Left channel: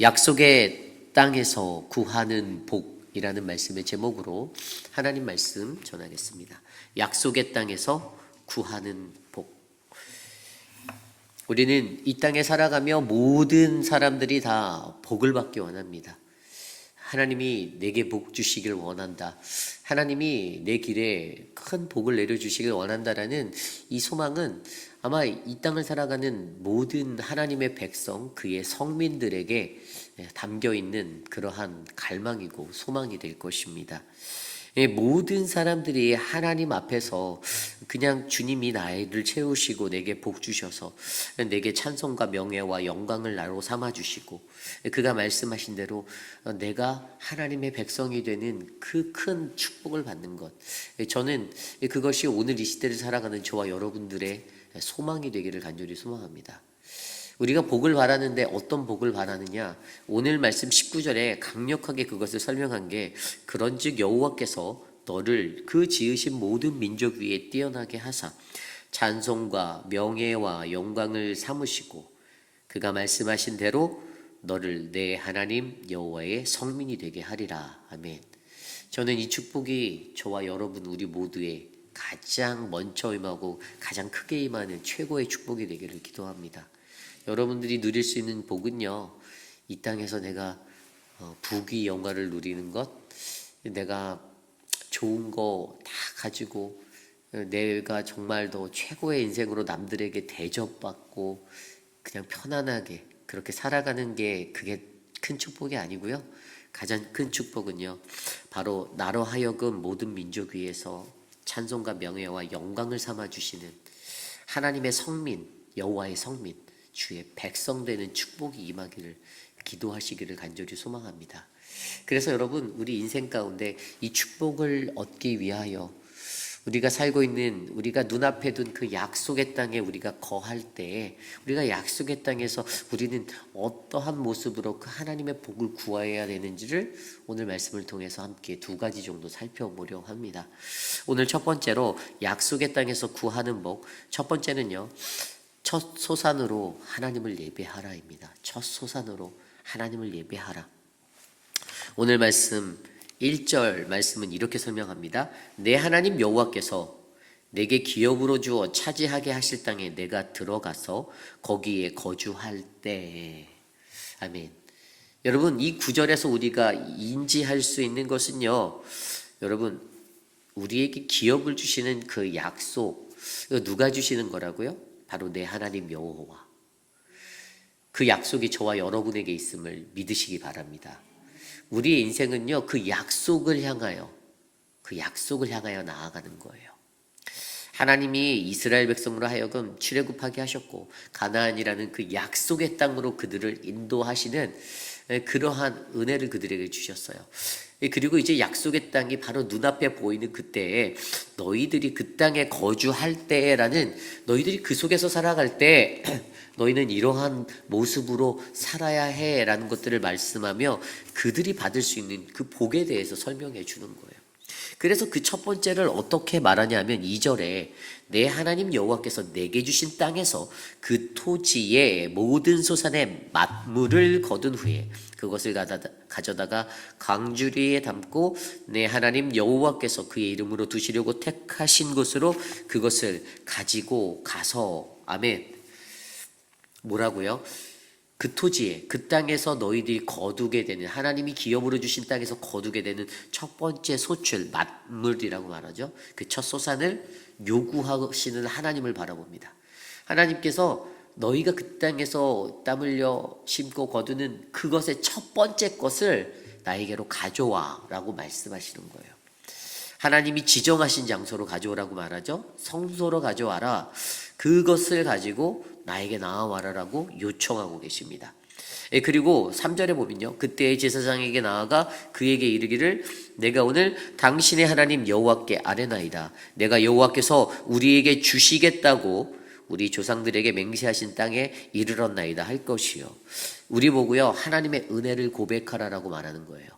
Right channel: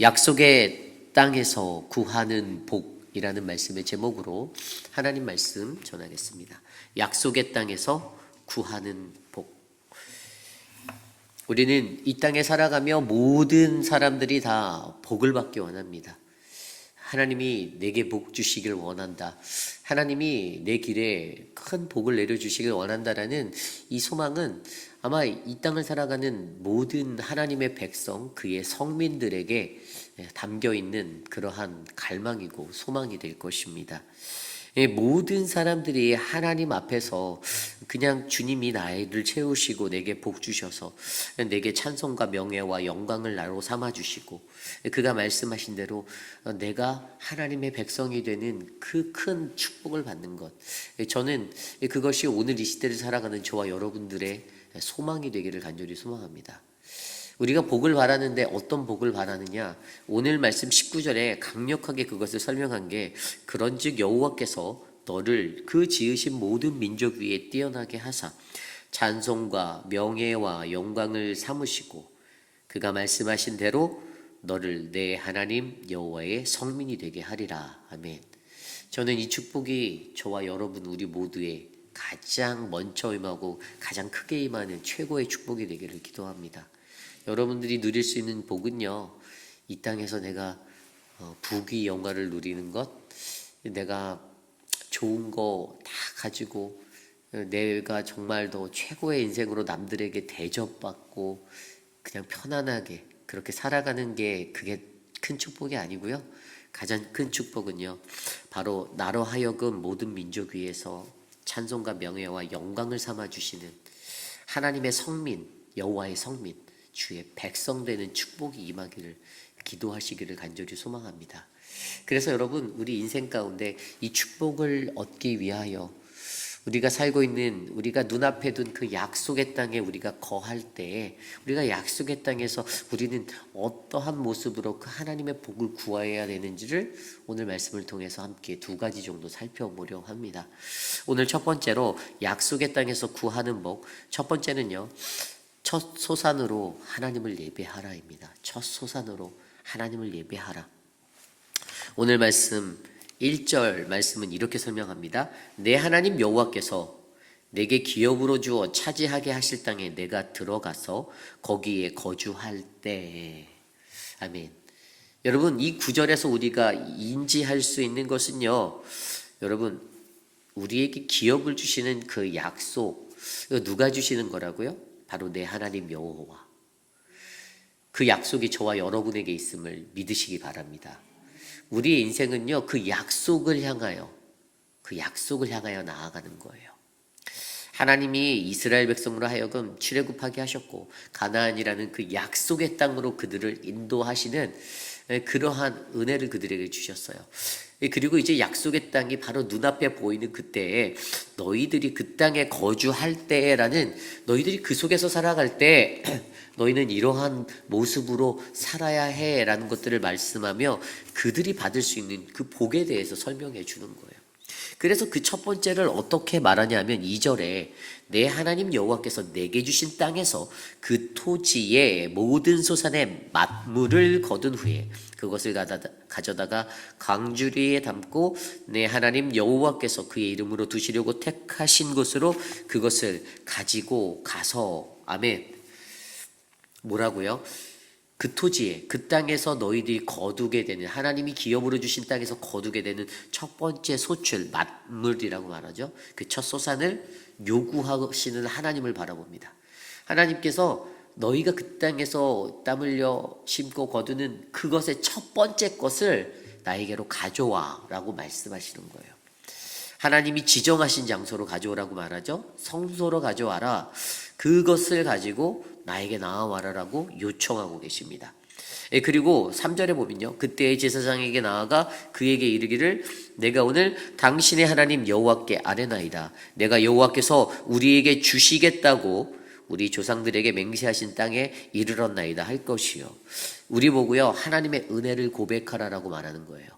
약속의 땅에서 구하는 복이라는 말씀의 제목으로 하나님 말씀 전하겠습니다. 약속의 땅에서 구하는 복. 우리는 이 땅에 살아가며 모든 사람들이 다 복을 받기 원합니다. 하나님이 내게 복 주시길 원한다. 하나님이 내 길에 큰 복을 내려주시길 원한다라는 이 소망은 아마 이 땅을 살아가는 모든 하나님의 백성, 그의 성민들에게 담겨있는 그러한 갈망이고 소망이 될 것입니다. 모든 사람들이 하나님 앞에서 그냥 주님이 나를 채우시고 내게 복 주셔서 내게 찬송과 명예와 영광을 나로 삼아주시고 그가 말씀하신 대로 내가 하나님의 백성이 되는 그 큰 축복을 받는 것, 저는 그것이 오늘 이 시대를 살아가는 저와 여러분들의 소망이 되기를 간절히 소망합니다. 우리가 복을 바라는데 어떤 복을 바라느냐? 오늘 말씀 19절에 강력하게 그것을 설명한 게 그런즉 여호와께서 너를 그 지으신 모든 민족 위에 뛰어나게 하사 찬송과 명예와 영광을 삼으시고 그가 말씀하신 대로 너를 내 하나님 여호와의 성민이 되게 하리라. 아멘. 저는 이 축복이 저와 여러분 우리 모두의 가장 먼저 임하고 가장 크게 임하는 최고의 축복이 되기를 기도합니다. 여러분들이 누릴 수 있는 복은요, 이 땅에서 내가 부귀 영화를 누리는 것, 내가 좋은 거 다 가지고 내가 정말 더 최고의 인생으로 남들에게 대접받고 그냥 편안하게 그렇게 살아가는 게 그게 큰 축복이 아니고요. 가장 큰 축복은요, 바로 나로 하여금 모든 민족 위에서 찬송과 명예와 영광을 삼아주시는 하나님의 성민, 여호와의 성민, 주의 백성 되는 축복이 임하기를 기도하시기를 간절히 소망합니다. 그래서 여러분, 우리 인생 가운데 이 축복을 얻기 위하여 우리가 살고 있는, 우리가 눈앞에 둔 그 약속의 땅에 우리가 거할 때, 우리가 약속의 땅에서 우리는 어떠한 모습으로 그 하나님의 복을 구해야 되는지를 오늘 말씀을 통해서 함께 두 가지 정도 살펴보려고 합니다. 오늘 첫 번째로 약속의 땅에서 구하는 복, 첫 번째는요, 첫 소산으로 하나님을 예배하라입니다. 첫 소산으로 하나님을 예배하라. 오늘 말씀 1절 말씀은 이렇게 설명합니다. 내 하나님 여호와께서 내게 기업으로 주어 차지하게 하실 땅에 내가 들어가서 거기에 거주할 때. 아멘. 여러분, 이 구절에서 우리가 인지할 수 있는 것은요, 여러분, 우리에게 기업을 주시는 그 약속, 누가 주시는 거라고요? 바로 내 하나님 여호와. 그 약속이 저와 여러분에게 있음을 믿으시기 바랍니다. 우리의 인생은요, 그 약속을 향하여 나아가는 거예요. 하나님이 이스라엘 백성으로 하여금 출애굽하게 하셨고 가나안이라는 그 약속의 땅으로 그들을 인도하시는 그러한 은혜를 그들에게 주셨어요. 그리고 이제 약속의 땅이 바로 눈앞에 보이는 그때에 너희들이 그 땅에 거주할 때라는, 너희들이 그 속에서 살아갈 때 너희는 이러한 모습으로 살아야 해라는 것들을 말씀하며 그들이 받을 수 있는 그 복에 대해서 설명해 주는 거예요. 그래서 그 첫 번째를 어떻게 말하냐면 2절에 내 하나님 여호와께서 내게 주신 땅에서 그 토지의 모든 소산의 만물을 거둔 후에 그것을 가져다가 광주리에 담고 내 하나님 여호와께서 그의 이름으로 두시려고 택하신 곳으로 그것을 가지고 가서. 아멘. 뭐라고요? 그 토지에, 그 땅에서 너희들이 거두게 되는, 하나님이 기업으로 주신 땅에서 거두게 되는 첫 번째 소출, 만물이라고 말하죠. 그 첫 소산을 요구하시는 하나님을 바라봅니다. 하나님께서 너희가 그 땅에서 땀 흘려 심고 거두는 그것의 첫 번째 것을 나에게로 가져와 라고 말씀하시는 거예요. 하나님이 지정하신 장소로 가져오라고 말하죠. 성소로 가져와라. 그것을 가지고 나에게 나아와라라고 요청하고 계십니다. 그리고 3절에 보면요, 그때의 제사장에게 나아가 그에게 이르기를 내가 오늘 당신의 하나님 여호와께 아뢰나이다. 내가 여호와께서 우리에게 주시겠다고 우리 조상들에게 맹세하신 땅에 이르렀나이다 할 것이요. 우리 보고요, 하나님의 은혜를 고백하라라고 말하는 거예요.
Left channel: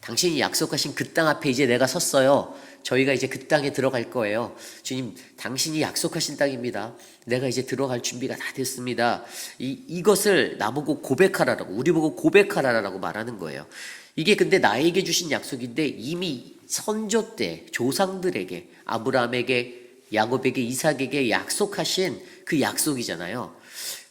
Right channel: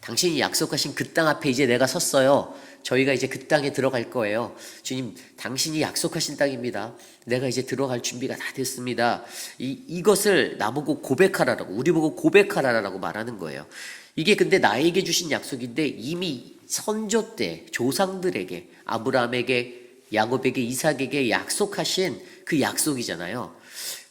당신이 약속하신 그 땅 앞에 이제 내가 섰어요. 저희가 이제 그 땅에 들어갈 거예요. 주님, 당신이 약속하신 땅입니다. 내가 이제 들어갈 준비가 다 됐습니다. 이것을 나보고 고백하라라고, 우리 보고 고백하라라고 말하는 거예요. 이게 근데 나에게 주신 약속인데 이미 선조 때 조상들에게, 아브라함에게, 야곱에게, 이삭에게 약속하신 그 약속이잖아요.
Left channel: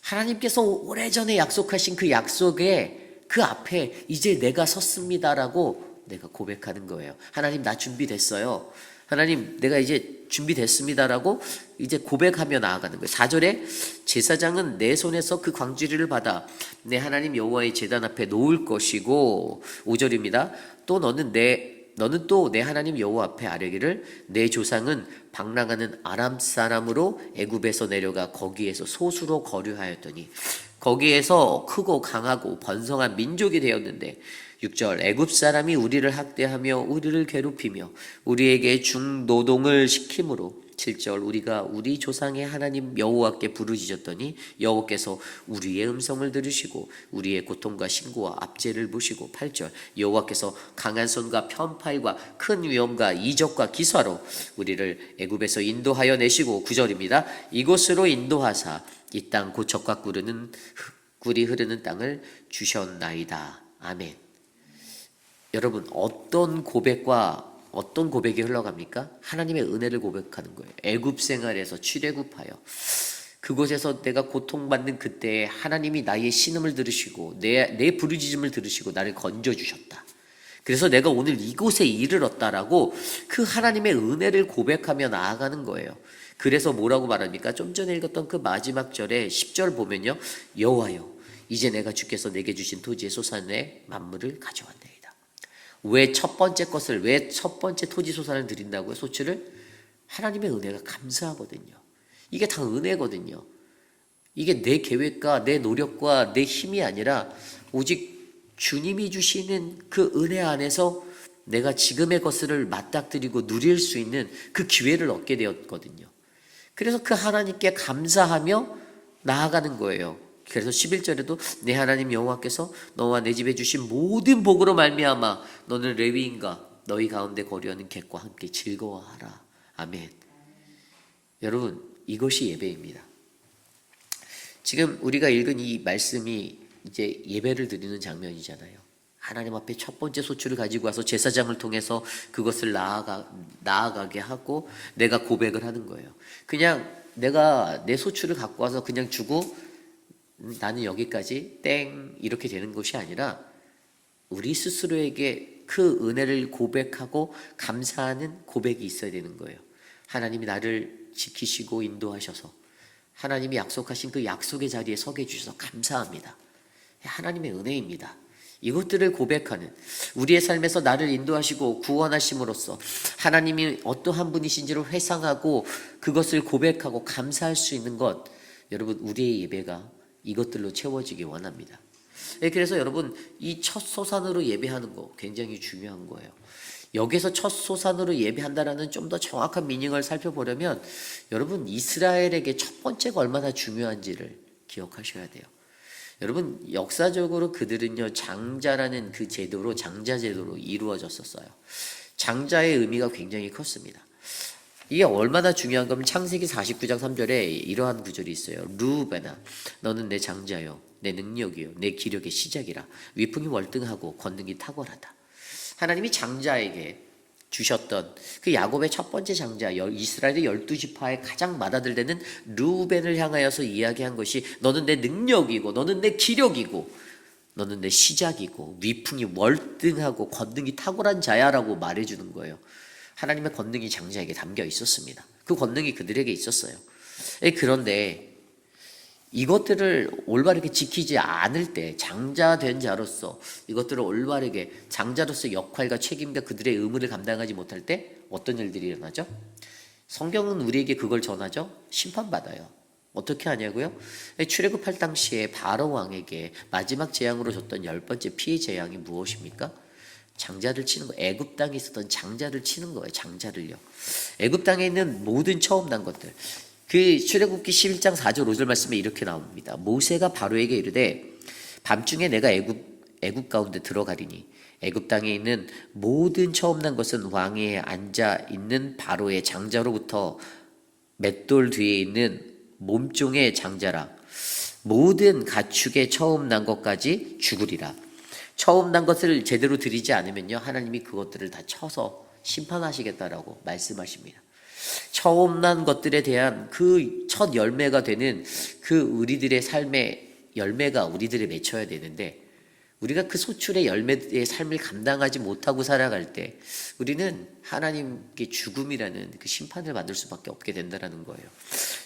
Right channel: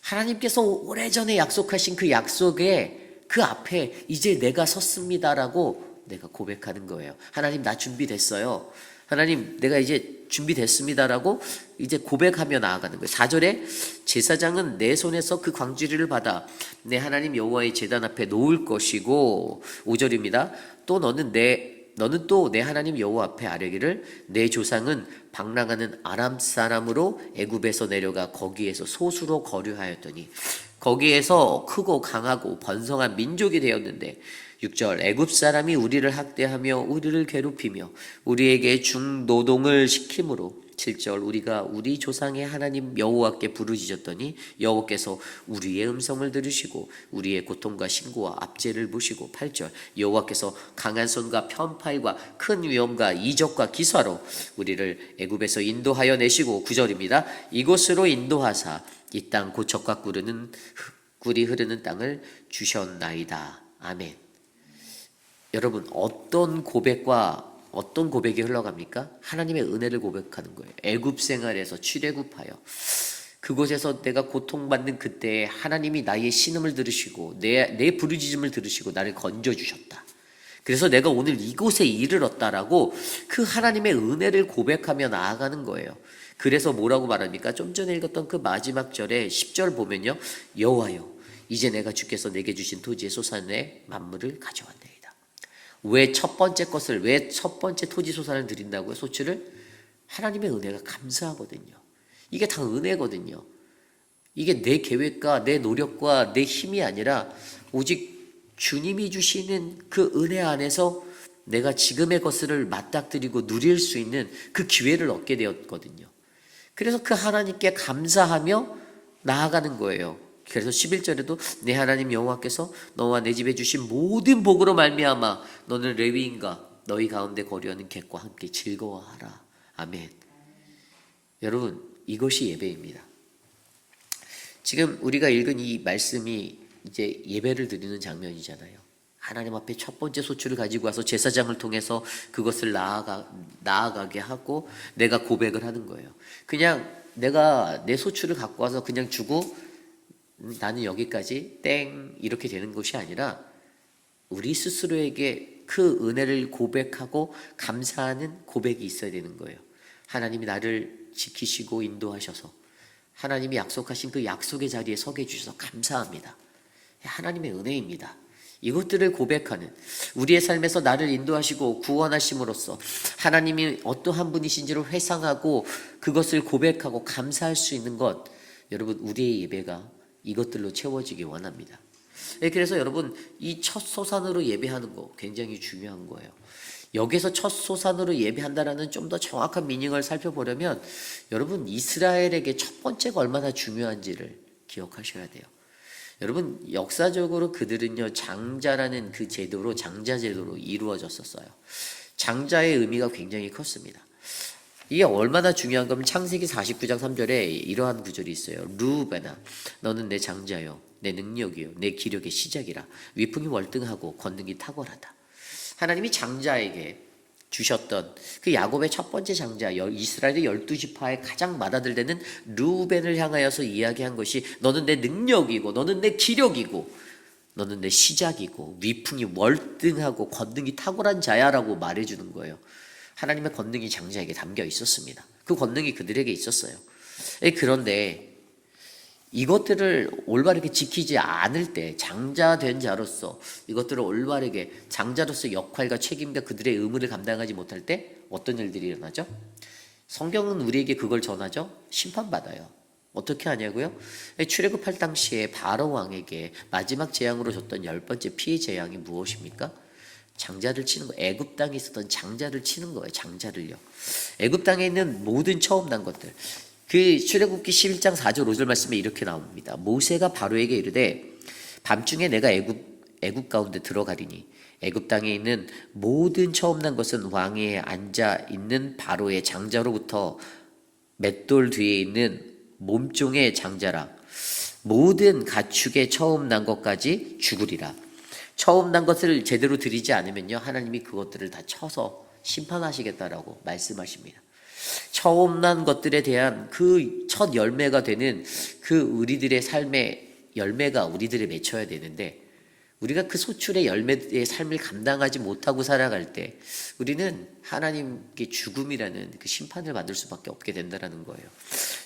하나님께서 오래전에 약속하신 그 약속에 그 앞에 이제 내가 섰습니다라고 내가 고백하는 거예요. 하나님, 나 준비됐어요. 하나님, 내가 이제 준비됐습니다라고 이제 고백하며 나아가는 거예요. 4절에 제사장은 내 손에서 그 광주리를 받아 내 하나님 여호와의 제단 앞에 놓을 것이고, 5절입니다. 또 너는 또 내 하나님 여호와 앞에 아뢰기를 내 조상은 방랑하는 아람 사람으로 애굽에서 내려가 거기에서 소수로 거류하였더니 거기에서 크고 강하고 번성한 민족이 되었는데, 6절 애굽 사람이 우리를 학대하며 우리를 괴롭히며 우리에게 중노동을 시키므로, 7절 우리가 우리 조상의 하나님 여호와께 부르짖었더니 여호와께서 우리의 음성을 들으시고 우리의 고통과 신고와 압제를 보시고, 8절 여호와께서 강한 손과 편팔과 큰 위엄과 이적과 기사로 우리를 애굽에서 인도하여 내시고, 9절입니다. 이곳으로 인도하사 이 땅 곧 젖과 꿀이 흐르는 땅을 주셨나이다. 아멘. 여러분, 어떤 고백이 흘러갑니까? 하나님의 은혜를 고백하는 거예요. 애굽 생활에서 출애굽하여 그곳에서 내가 고통받는 그때에 하나님이 나의 신음을 들으시고 내 부르짖음을 들으시고 나를 건져주셨다. 그래서 내가 오늘 이곳에 이르렀다라고 그 하나님의 은혜를 고백하며 나아가는 거예요. 그래서 뭐라고 말합니까? 좀 전에 읽었던 그 마지막 절에 10절 보면요, 여호와여 이제 내가 주께서 내게 주신 토지의 소산의 만물을 가져왔나이다. 왜 첫 번째 토지 소산을 드린다고요? 소출을? 하나님의 은혜가 감사하거든요. 이게 다 은혜거든요. 이게 내 계획과 내 노력과 내 힘이 아니라 오직 주님이 주시는 그 은혜 안에서 내가 지금의 것을 맞닥뜨리고 누릴 수 있는 그 기회를 얻게 되었거든요. 그래서 그 하나님께 감사하며 나아가는 거예요. 그래서 11절에도 내 하나님 여호와께서 너와 내 집에 주신 모든 복으로 말미암아 너는 레위인과 너희 가운데 거류하는 객과 함께 즐거워하라. 아멘. 여러분, 이것이 예배입니다. 지금 우리가 읽은 이 말씀이 이제 예배를 드리는 장면이잖아요. 하나님 앞에 첫 번째 소출을 가지고 와서 제사장을 통해서 그것을 나아가게 하고 내가 고백을 하는 거예요. 그냥 내가 내 소출을 갖고 와서 그냥 주고 나는 여기까지 땡 이렇게 되는 것이 아니라 우리 스스로에게 그 은혜를 고백하고 감사하는 고백이 있어야 되는 거예요. 하나님이 나를 지키시고 인도하셔서 하나님이 약속하신 그 약속의 자리에 서게 해주셔서 감사합니다. 하나님의 은혜입니다. 이것들을 고백하는, 우리의 삶에서 나를 인도하시고 구원하심으로써 하나님이 어떠한 분이신지를 회상하고 그것을 고백하고 감사할 수 있는 것, 여러분 우리의 예배가 이것들로 채워지기 원합니다. 그래서 여러분 이 첫 소산으로 예배하는 거 굉장히 중요한 거예요. 여기서 첫 소산으로 예배한다라는 좀 더 정확한 미닝을 살펴보려면 여러분 이스라엘에게 첫 번째가 얼마나 중요한지를 기억하셔야 돼요. 여러분 역사적으로 그들은요 장자라는 그 제도로, 장자 제도로 이루어졌었어요. 장자의 의미가 굉장히 컸습니다. 이게 얼마나 중요한 거면 창세기 49장 3절에 이러한 구절이 있어요. 루벤아 너는 내 장자요 내 능력이요 내 기력의 시작이라. 위풍이 월등하고 권능이 탁월하다. 하나님이 장자에게 주셨던 그 야곱의 첫 번째 장자, 이스라엘의 12지파의 가장 맏아들되는 루벤을 향하여서 이야기한 것이 너는 내 능력이고 너는 내 기력이고 너는 내 시작이고 위풍이 월등하고 권능이 탁월한 자야라고 말해주는 거예요. 하나님의 권능이 장자에게 담겨 있었습니다. 그 권능이 그들에게 있었어요. 그런데 이것들을 올바르게 지키지 않을 때 장자된 자로서 이것들을 올바르게 장자로서 역할과 책임과 그들의 의무를 감당하지 못할 때 어떤 일들이 일어나죠? 성경은 우리에게 그걸 전하죠. 심판받아요. 어떻게 하냐고요? 출애굽할 당시에 바로 왕에게 마지막 재앙으로 줬던 10번째 피해 재앙이 무엇입니까? 장자를 치는 거. 애굽 땅에 있었던 장자를 치는 거예요. 장자를요. 애굽 땅에 있는 모든 처음 난 것들. 그 출애굽기 11장 4절 5절 말씀에 이렇게 나옵니다. 모세가 바로에게 이르되 밤중에 내가 애굽 가운데 들어가리니 애굽 땅에 있는 모든 처음 난 것은 왕위에 앉아 있는 바로의 장자로부터 맷돌 뒤에 있는 몸종의 장자라. 모든 가축의 처음 난 것까지 죽으리라. 처음 난 것을 제대로 드리지 않으면요, 하나님이 그것들을 다 쳐서 심판하시겠다라고 말씀하십니다. 처음 난 것들에 대한 그 첫 열매가 되는 그 우리들의 삶의 열매가 우리들에 맺혀야 되는데, 우리가 그 소출의 열매의 삶을 감당하지 못하고 살아갈 때 우리는 하나님께 죽음이라는 그 심판을 받을 수밖에 없게 된다는 거예요.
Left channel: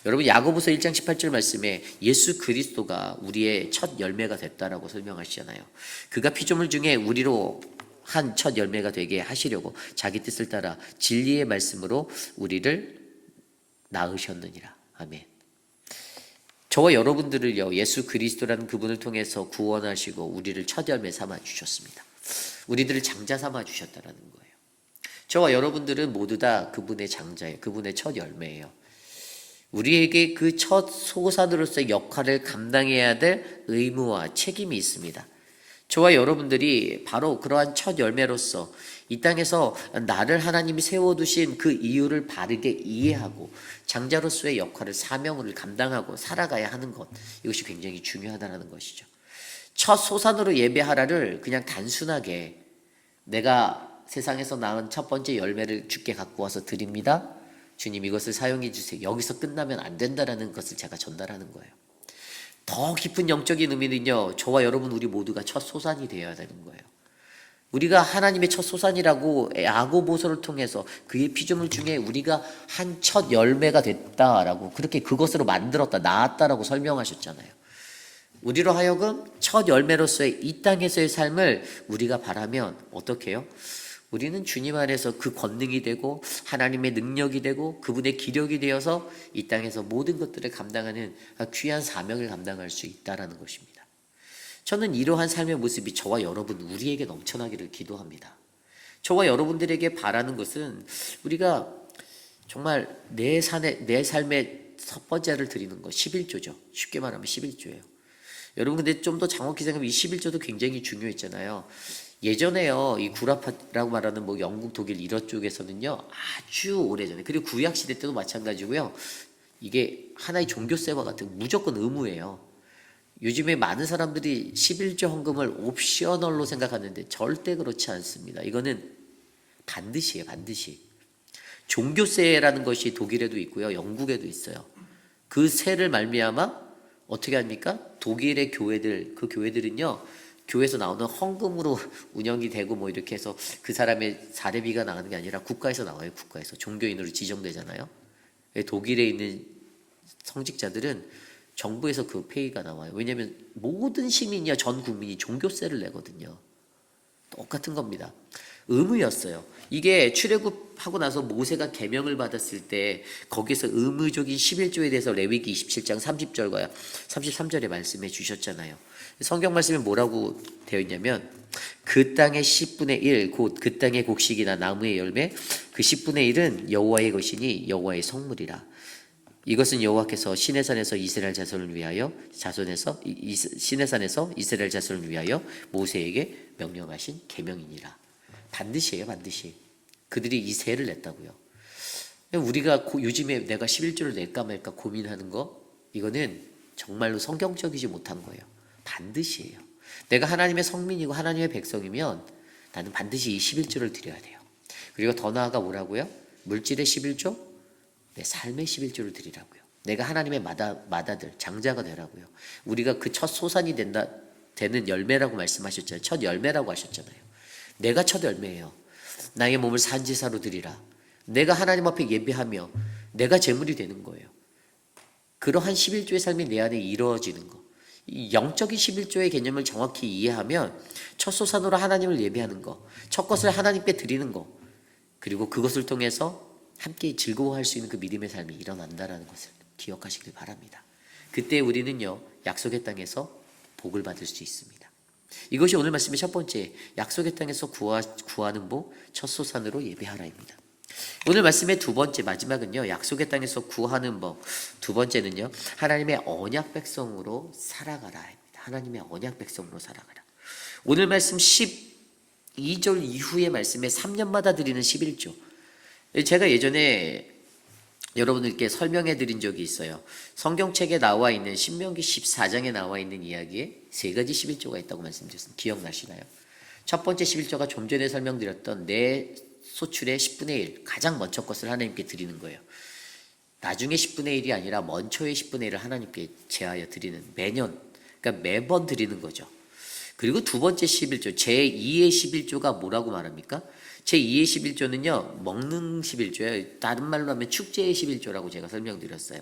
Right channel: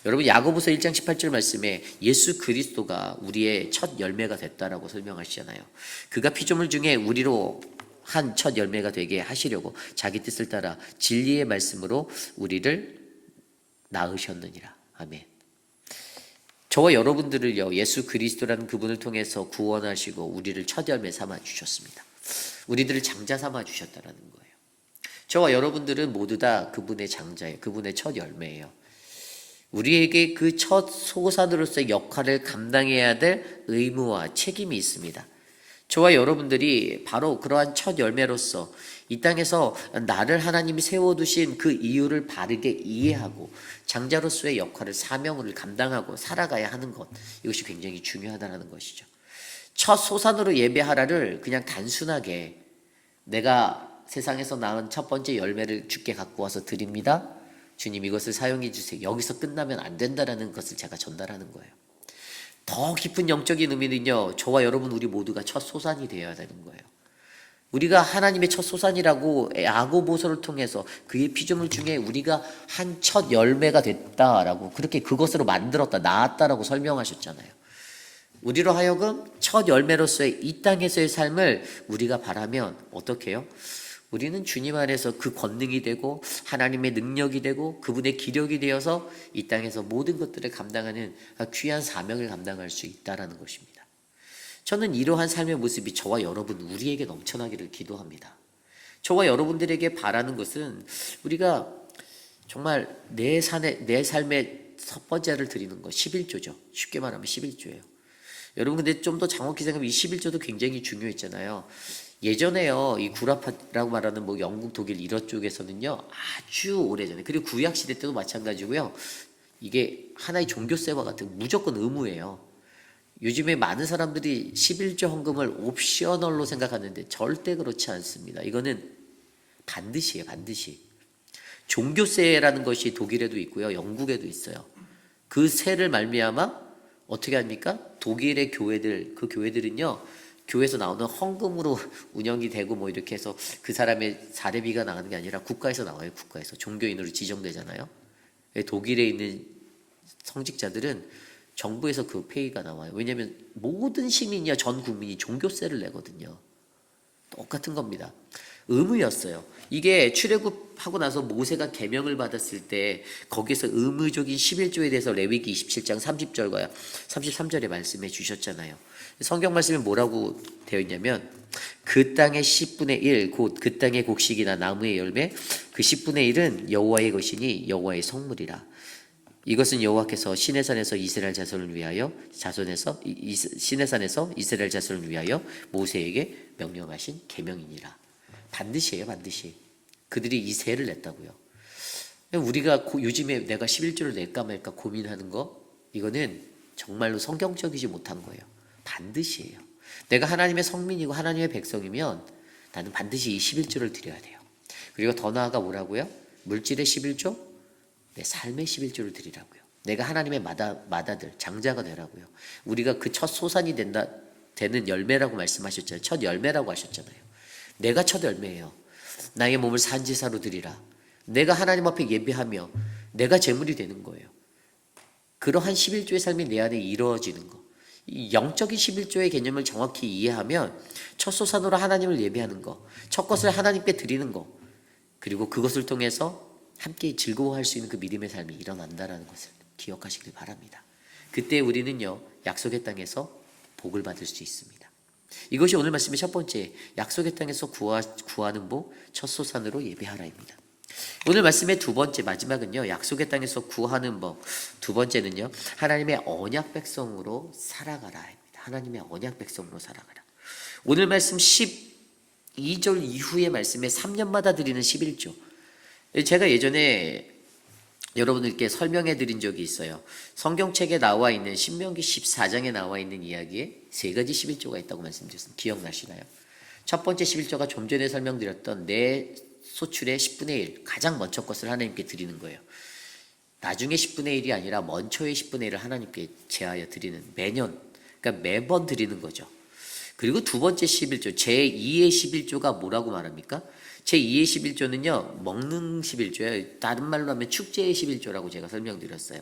여러분, 야고보서 1장 18절 말씀에 예수 그리스도가 우리의 첫 열매가 됐다라고 설명하시잖아요. 그가 피조물 중에 우리로 한 첫 열매가 되게 하시려고 자기 뜻을 따라 진리의 말씀으로 우리를 낳으셨느니라. 아멘. 저와 여러분들을요, 예수 그리스도라는 그분을 통해서 구원하시고 우리를 첫 열매 삼아 주셨습니다. 우리들을 장자 삼아 주셨다라는 거예요. 저와 여러분들은 모두 다 그분의 장자예요. 그분의 첫 열매예요. 우리에게 그 첫 소산으로서의 역할을 감당해야 될 의무와 책임이 있습니다. 저와 여러분들이 바로 그러한 첫 열매로서 이 땅에서 나를 하나님이 세워두신 그 이유를 바르게 이해하고 장자로서의 역할을, 사명을 감당하고 살아가야 하는 것, 이것이 굉장히 중요하다는 것이죠. 첫 소산으로 예배하라를 그냥 단순하게 내가 세상에서 낳은 첫 번째 열매를 주께 갖고 와서 드립니다, 주님 이것을 사용해 주세요, 여기서 끝나면 안 된다라는 것을 제가 전달하는 거예요. 더 깊은 영적인 의미는요, 저와 여러분 우리 모두가 첫 소산이 되어야 되는 거예요. 우리가 하나님의 첫 소산이라고 야고보서를 통해서 그의 피조물 중에 우리가 한 첫 열매가 됐다라고, 그렇게 그것으로 만들었다, 낳았다라고 설명하셨잖아요. 우리로 하여금 첫 열매로서의 이 땅에서의 삶을 우리가 바라면 어떻게 해요? 우리는 주님 안에서 그 권능이 되고 하나님의 능력이 되고 그분의 기력이 되어서 이 땅에서 모든 것들을 감당하는 귀한 사명을 감당할 수 있다라는 것입니다. 저는 이러한 삶의 모습이 저와 여러분 우리에게 넘쳐나기를 기도합니다. 저와 여러분들에게 바라는 것은 우리가 정말 내 삶의 첫 번째를 드리는 것, 11조죠. 쉽게 말하면 11조예요. 여러분, 근데 좀 더 정확히 생각하면 이 11조도 굉장히 중요했잖아요. 예전에요, 이 구라파라고 말하는 뭐 영국, 독일 이런 쪽에서는요, 아주 오래전에, 그리고 구약시대 때도 마찬가지고요, 이게 하나의 종교세와 같은 무조건 의무예요. 요즘에 많은 사람들이 11조 헌금을 옵셔널로 생각하는데 절대 그렇지 않습니다. 이거는 반드시예요, 반드시. 종교세라는 것이 독일에도 있고요, 영국에도 있어요. 그 세를 말미암아 어떻게 합니까? 독일의 교회들, 그 교회들은요, 교회에서 나오는 헌금으로 운영이 되고 뭐 이렇게 해서 그 사람의 사례비가 나가는 게 아니라 국가에서 나와요. 국가에서 종교인으로 지정되잖아요. 독일에 있는 성직자들은 정부에서 그 페이가 나와요. 왜냐하면 모든 시민이야, 전 국민이 종교세를 내거든요. 똑같은 겁니다. 의무였어요. 이게 출애굽하고 나서 모세가 계명을 받았을 때 거기서 의무적인 11조에 대해서 레위기 27장 30절과 33절에 말씀해 주셨잖아요. 성경 말씀에 뭐라고 되어 있냐면, 그 땅의 10분의 1 곧 그 땅의 곡식이나 나무의 열매 그 10분의 1은 여호와의 것이니 여호와의 성물이라. 이것은 여호와께서 시내산에서 이스라엘 자손을 위하여 시내산에서 이스라엘 자손을 위하여 모세에게 명령하신 계명이니라. 반드시예요, 반드시. 그들이 이 세를 냈다고요. 우리가 요즘에 내가 11조를 낼까 말까 고민하는 거, 이거는 정말로 성경적이지 못한 거예요. 반드시예요. 내가 하나님의 성민이고 하나님의 백성이면 나는 반드시 이 11조를 드려야 돼요. 그리고 더 나아가 뭐라고요? 물질의 11조? 내 삶의 11조를 드리라고요. 내가 하나님의 마다들, 장자가 되라고요. 우리가 그 첫 소산이 되는 열매라고 말씀하셨잖아요. 첫 열매라고 하셨잖아요. 내가 첫 열매예요. 나의 몸을 산지사로 드리라. 내가 하나님 앞에 예배하며 내가 제물이 되는 거예요. 그러한 11조의 삶이 내 안에 이루어지는 거. 이 영적인 11조의 개념을 정확히 이해하면 첫 소산으로 하나님을 예배하는 거, 첫 것을 하나님께 드리는 거, 그리고 그것을 통해서 함께 즐거워할 수 있는 그 믿음의 삶이 일어난다는 것을 기억하시길 바랍니다. 그때 우리는요, 약속의 땅에서 복을 받을 수 있습니다. 이것이 오늘 말씀의 첫 번째, 약속의 땅에서 구하는 복, 첫 소산으로 예배하라입니다. 오늘 말씀의 두 번째, 마지막은요, 약속의 땅에서 구하는 법. 두 번째는요, 하나님의 언약 백성으로 살아가라. 하나님의 언약 백성으로 살아가라. 오늘 말씀 2절 이후의 말씀에 3년마다 드리는 11조. 제가 예전에 여러분들께 설명해 드린 적이 있어요. 성경책에 나와 있는 신명기 14장에 나와 있는 이야기에 세 가지 11조가 있다고 말씀드렸습니다. 기억나시나요? 첫 번째 11조가 좀 전에 설명드렸던 내 소출의 10분의 1, 가장 먼저 것을 하나님께 드리는 거예요. 나중에 10분의 1이 아니라 먼저의 10분의 1을 하나님께 제하여 드리는, 매년, 그러니까 매번 드리는 거죠. 그리고 두 번째 11조, 제2의 11조가 뭐라고 말합니까? 제2의 11조는요, 먹는 11조예요. 다른 말로 하면 축제의 11조라고 제가 설명드렸어요.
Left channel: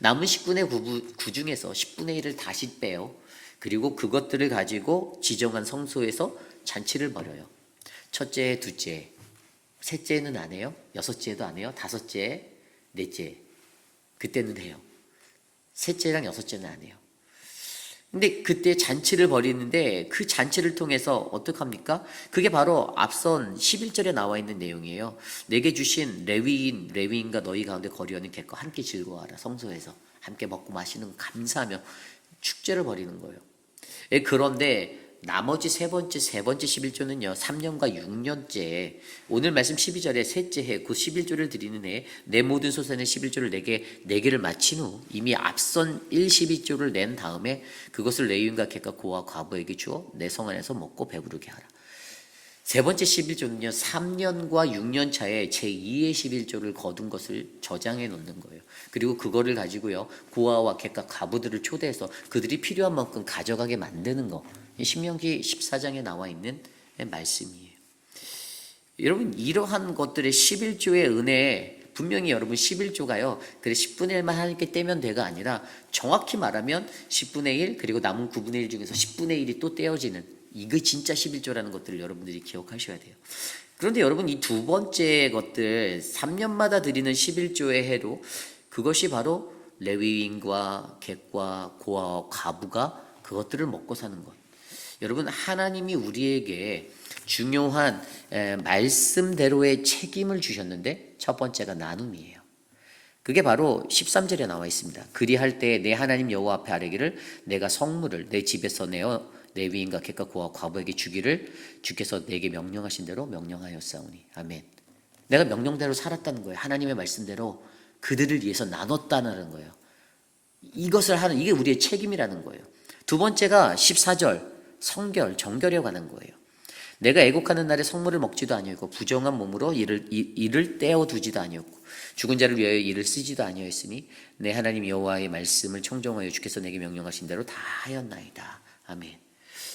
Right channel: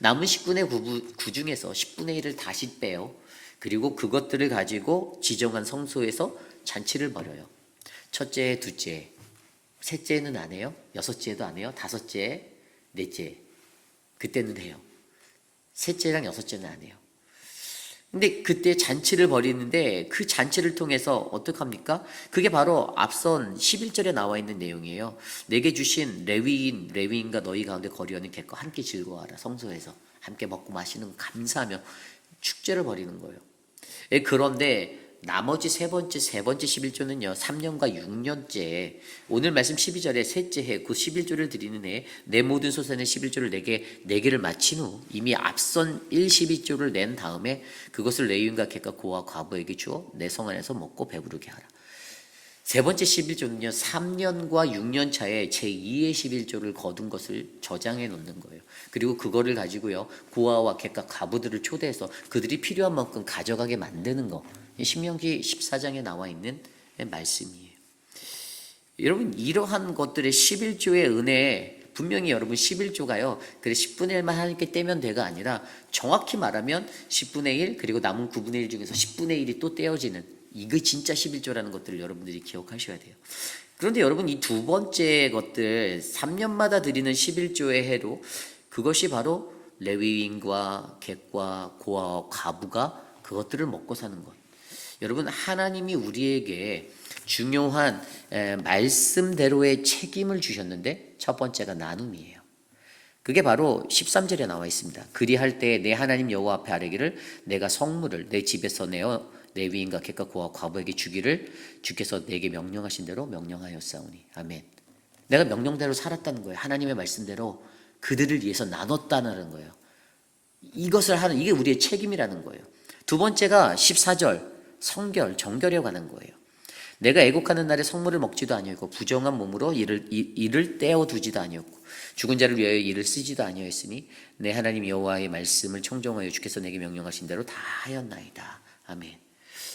남은 10분의 9 중에서 10분의 1을 다시 빼요. 그리고 그것들을 가지고 지정한 성소에서 잔치를 벌여요. 첫째, 둘째, 셋째는 안 해요. 여섯째도 안 해요. 다섯째, 넷째. 그때는 해요. 셋째랑 여섯째는 안 해요. 근데 그때 잔치를 벌이는데 그 잔치를 통해서 어떡합니까? 그게 바로 앞선 11절에 나와 있는 내용이에요. 내게 주신 레위인과 너희 가운데 거리하는 객과 함께 즐거워하라. 성소에서 함께 먹고 마시는 거 감사하며 축제를 벌이는 거예요. 그런데 나머지 세 번째 11조는요. 3년과 6년째 오늘 말씀 12절에 셋째 해 그 11조를 드리는 해에 내 모든 소산의 11조를 내게를 마친 후 이미 앞선 12조를 낸 다음에 그것을 레위인과 객과 고와 과부에게 주어 내 성 안에서 먹고 배부르게 하라. 세 번째 11조는요. 3년과 6년 차에 제2의 11조를 거둔 것을 저장해 놓는 거예요. 그리고 그거를 가지고요. 고아와 객과 과부들을 초대해서 그들이 필요한 만큼 가져가게 만드는 거. 신명기 14장에 나와 있는 말씀이에요. 여러분 이러한 것들의 11조의 은혜에 분명히 여러분 11조가요. 그래 10분의 1만 하나님께 떼면 돼가 아니라 정확히 말하면 10분의 1 그리고 남은 9분의 1 중에서 10분의 1이 또 떼어지는 이거 진짜 11조라는 것들을 여러분들이 기억하셔야 돼요. 그런데 여러분 이 두 번째 것들 3년마다 드리는 11조의 해로 그것이 바로 레위인과 객과 고아와 과부가 그것들을 먹고 사는 것. 여러분 하나님이 우리에게 중요한 말씀대로의 책임을 주셨는데 첫 번째가 나눔이에요. 그게 바로 13절에 나와 있습니다. 그리할 때에 내 하나님 여호와 앞에 아뢰기를 내가 성물을 내 집에서 내어 레위인과 객과 고아 과부에게 주기를 주께서 내게 명령하신 대로 명령하였사오니. 아멘. 내가 명령대로 살았다는 거예요. 하나님의 말씀대로 그들을 위해서 나눴다는 거예요. 이것을 하는 이게 우리의 책임이라는 거예요. 두 번째가 14절 성결, 정결에 관한 거예요. 내가 애곡하는 날에 성물을 먹지도 아니었고 부정한 몸으로 이를 떼어두지도 아니었고 죽은 자를 위하여 이를 쓰지도 아니었으니 내 하나님 여호와의 말씀을 청정하여 주께서 내게 명령하신 대로 다 하였나이다. 아멘.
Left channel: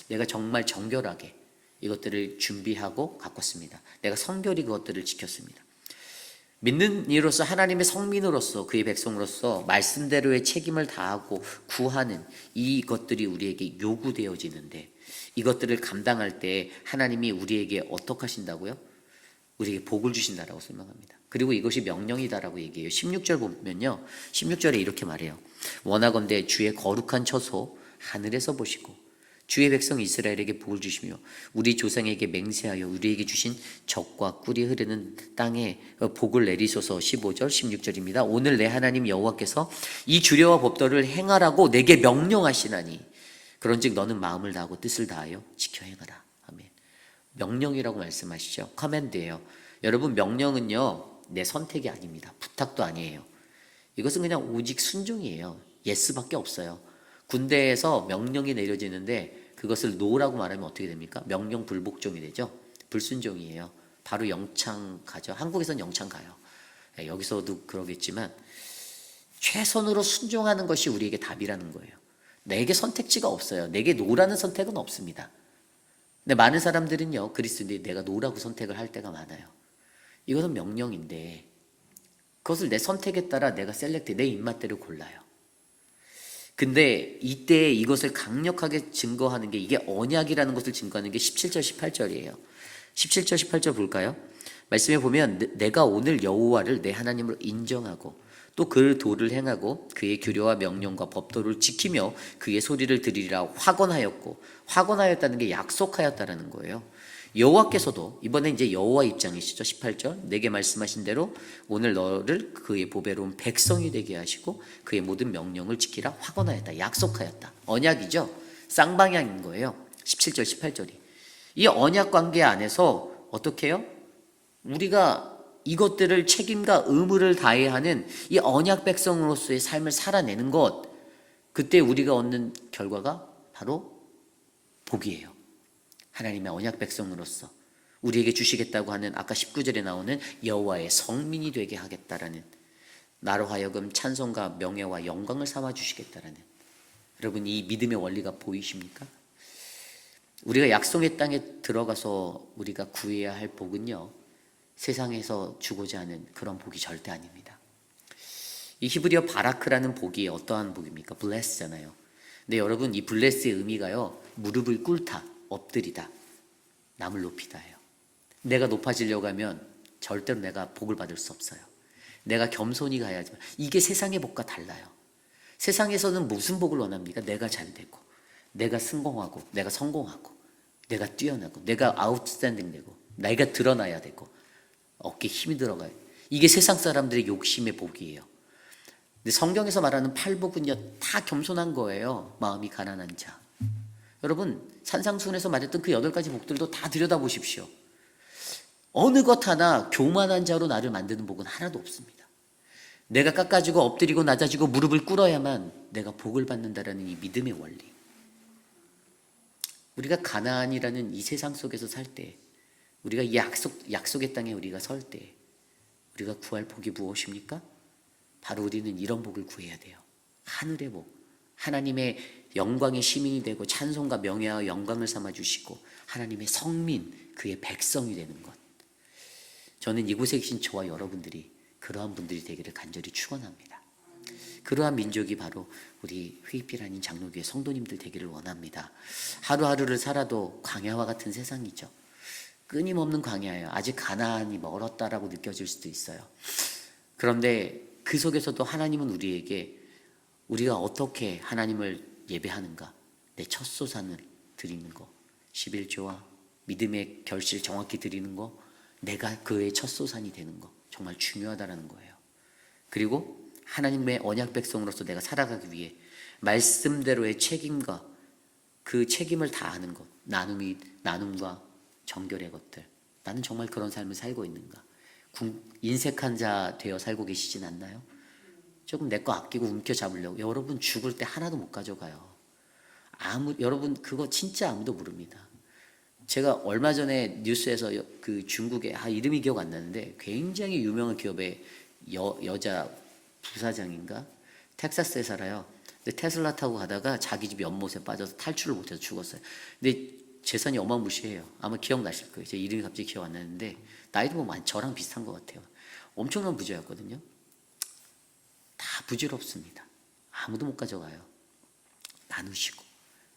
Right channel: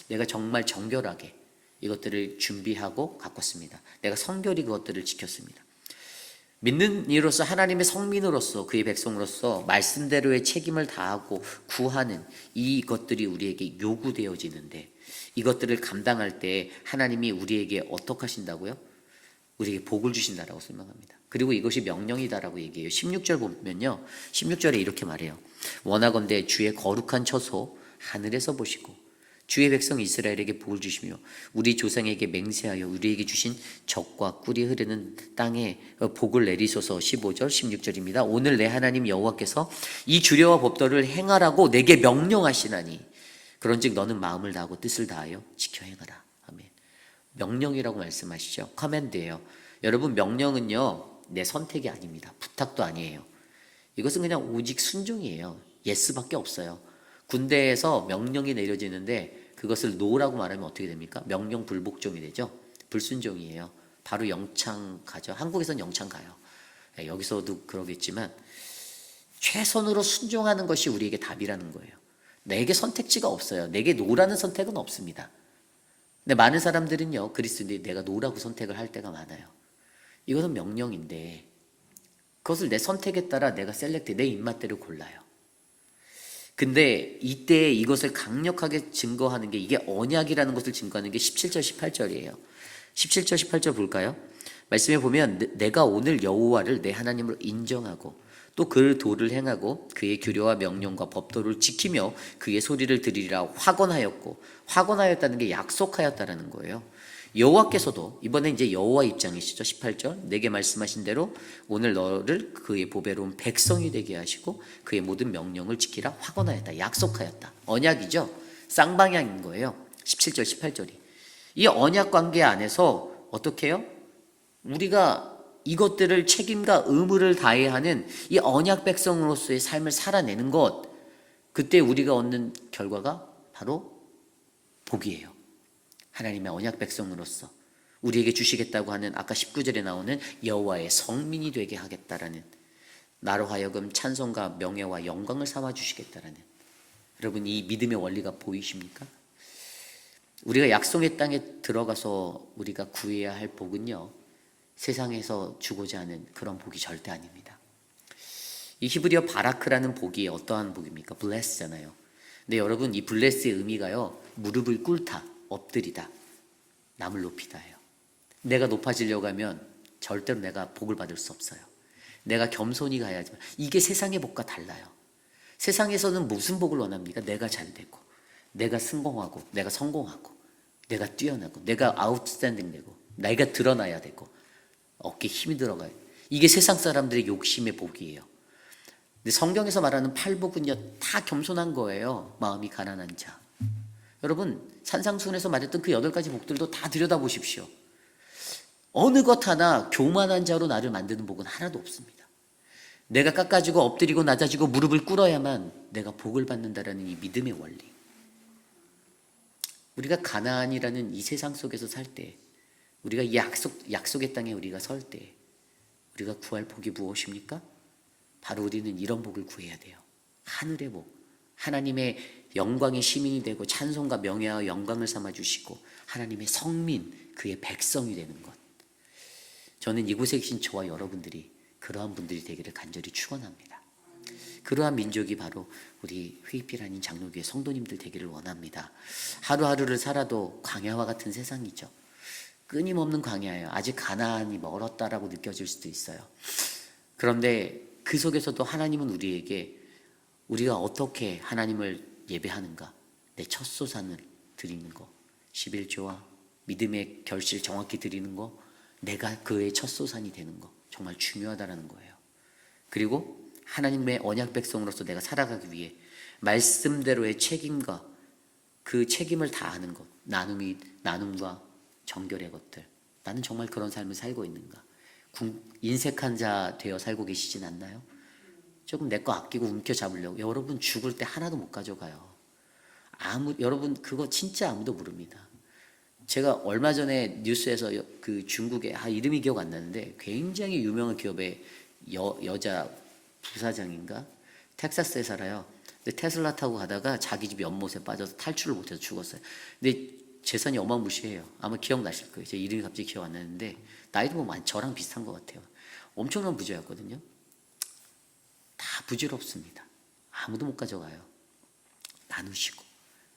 내가 정말 정결하게 이것들을 준비하고 가꿨습니다. 내가 성결히 그것들을 지켰습니다. 믿는 이로서 하나님의 성민으로서 그의 백성으로서 말씀대로의 책임을 다하고 구하는 이것들이 우리에게 요구되어지는데 이것들을 감당할 때 하나님이 우리에게 어떻게 하신다고요? 우리에게 복을 주신다라고 설명합니다. 그리고 이것이 명령이다라고 얘기해요. 16절 보면요. 16절에 이렇게 말해요. 원하건대 주의 거룩한 처소 하늘에서 보시고 주의 백성 이스라엘에게 복을 주시며 우리 조상에게 맹세하여 우리에게 주신 젖과 꿀이 흐르는 땅에 복을 내리소서. 15절 16절입니다. 오늘 내 하나님 여호와께서 이 주례와 법도를 행하라고 내게 명령하시나니 그런즉 너는 마음을 다하고 뜻을 다하여 지켜 행하라. 아멘. 명령이라고 말씀하시죠. 커맨드예요. 여러분 명령은요. 내 선택이 아닙니다. 부탁도 아니에요. 이것은 그냥 오직 순종이에요. 예스밖에 없어요. 군대에서 명령이 내려지는데 그것을 노라고 말하면 어떻게 됩니까? 명령 불복종이 되죠. 불순종이에요. 바로 영창 가죠. 한국에서는 영창 가요. 여기서도 그러겠지만 최선으로 순종하는 것이 우리에게 답이라는 거예요. 내게 선택지가 없어요. 내게 노라는 선택은 없습니다. 근데 많은 사람들은요. 그리스도인들이 내가 노라고 선택을 할 때가 많아요. 이것은 명령인데 그것을 내 선택에 따라 내가 내 입맛대로 골라요. 근데 이때 이것을 강력하게 증거하는 게 이게 언약이라는 것을 증거하는 게 17절 18절이에요. 17절 18절 볼까요? 말씀에 보면 내가 오늘 여호와를 내 하나님으로 인정하고 또 그 도를 행하고 그의 규례와 명령과 법도를 지키며 그의 소리를 들으리라 확언하였고 확언하였다는 게 약속하였다라는 거예요. 여호와께서도 이번에 이제 여호와 입장이시죠. 18절 내게 말씀하신 대로 오늘 너를 그의 보배로운 백성이 되게 하시고 그의 모든 명령을 지키라 확언하였다. 약속하였다. 언약이죠. 쌍방향인 거예요. 17절 18절이 이 언약 관계 안에서 어떻게 해요? 우리가 이것들을 책임과 의무를 다해야 하는 이 언약 백성으로서의 삶을 살아내는 것, 그때 우리가 얻는 결과가 바로 복이에요. 하나님의 언약 백성으로서 우리에게 주시겠다고 하는 아까 19절에 나오는 여호와의 성민이 되게 하겠다라는, 나로 하여금 찬송과 명예와 영광을 삼아 주시겠다라는, 여러분 이 믿음의 원리가 보이십니까? 우리가 약속의 땅에 들어가서 우리가 구해야 할 복은요, 세상에서 주고자 하는 그런 복이 절대 아닙니다. 이 히브리어 바라크라는 복이 어떠한 복입니까? 블레스잖아요. 근데 여러분 이 블레스의 의미가요, 무릎을 꿇다, 엎드리다, 남을 높이다예요. 내가 높아지려고 하면 절대로 내가 복을 받을 수 없어요. 내가 겸손히 가야지만. 이게 세상의 복과 달라요. 세상에서는 무슨 복을 원합니까? 내가 잘 되고, 내가 성공하고, 내가 뛰어나고, 내가 아웃스탠딩 되고, 내가 드러나야 되고, 어깨에 힘이 들어가요. 이게 세상 사람들의 욕심의 복이에요. 근데 성경에서 말하는 팔복은요, 다 겸손한 거예요. 마음이 가난한 자. 여러분 산상수훈에서 말했던 그 8가지 복들도 다 들여다보십시오. 어느 것 하나 교만한 자로 나를 만드는 복은 하나도 없습니다. 내가 깎아지고 엎드리고 낮아지고 무릎을 꿇어야만 내가 복을 받는다라는 이 믿음의 원리. 우리가 가나안이라는 이 세상 속에서 살 때, 우리가 이 약속의 땅에 우리가 설 때 우리가 구할 복이 무엇입니까? 바로 우리는 이런 복을 구해야 돼요. 하늘의 복, 하나님의 영광의 시민이 되고 찬송과 명예와 영광을 삼아 주시고 하나님의 성민, 그의 백성이 되는 것. 저는 이곳에 계신 저와 여러분들이 그러한 분들이 되기를 간절히 축원합니다. 그러한 민족이 바로 우리 회의필 아닌 장로교회 성도님들 되기를 원합니다. 하루하루를 살아도 광야와 같은 세상이죠. 끊임없는 광야예요. 아직 가나안이 멀었다라고 느껴질 수도 있어요. 그런데 그 속에서도 하나님은 우리에게 우리가 어떻게 하나님을 예배하는가, 내 첫 소산을 드리는 거, 11조와 믿음의 결실 정확히 드리는 거, 내가 그의 첫 소산이 되는 거 정말 중요하다는 거예요. 그리고 하나님의 언약 백성으로서 내가 살아가기 위해 말씀대로의 책임과 그 책임을 다하는 것, 나눔과 정결의 것들, 나는 정말 그런 삶을 살고 있는가? 인색한 자 되어 살고 계시진 않나요? 조금 내 거 아끼고 움켜잡으려고. 여러분 죽을 때 하나도 못 가져가요. 여러분 그거 진짜 아무도 모릅니다. 제가 얼마 전에 뉴스에서 그 중국의 이름이 기억 안 나는데 굉장히 유명한 기업의 여자 부사장인가? 텍사스에 살아요. 근데 테슬라 타고 가다가 자기 집 연못에 빠져서 탈출을 못해서 죽었어요. 근데 재산이 어마무시해요. 아마 기억나실 거예요. 제 이름이 갑자기 기억 안 나는데 나이도 뭐 저랑 비슷한 것 같아요. 엄청난 부자였거든요. 다 부질없습니다. 아무도 못 가져가요. 나누시고.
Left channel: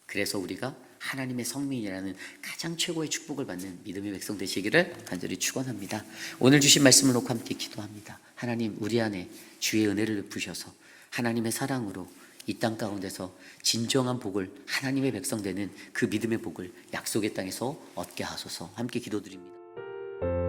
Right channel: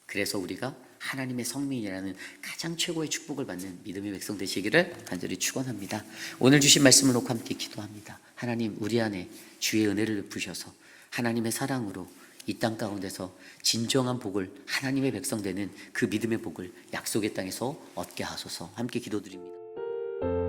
그래서 우리가 하나님의 성민이라는 가장 최고의 축복을 받는 믿음의 백성 되시기를 간절히 축원합니다. 오늘 주신 말씀을 놓고 함께 기도합니다. 하나님, 우리 안에 주의 은혜를 부으셔서 하나님의 사랑으로 이 땅 가운데서 진정한 복을, 하나님의 백성 되는 그 믿음의 복을 약속의 땅에서 얻게 하소서. 함께 기도드립니다.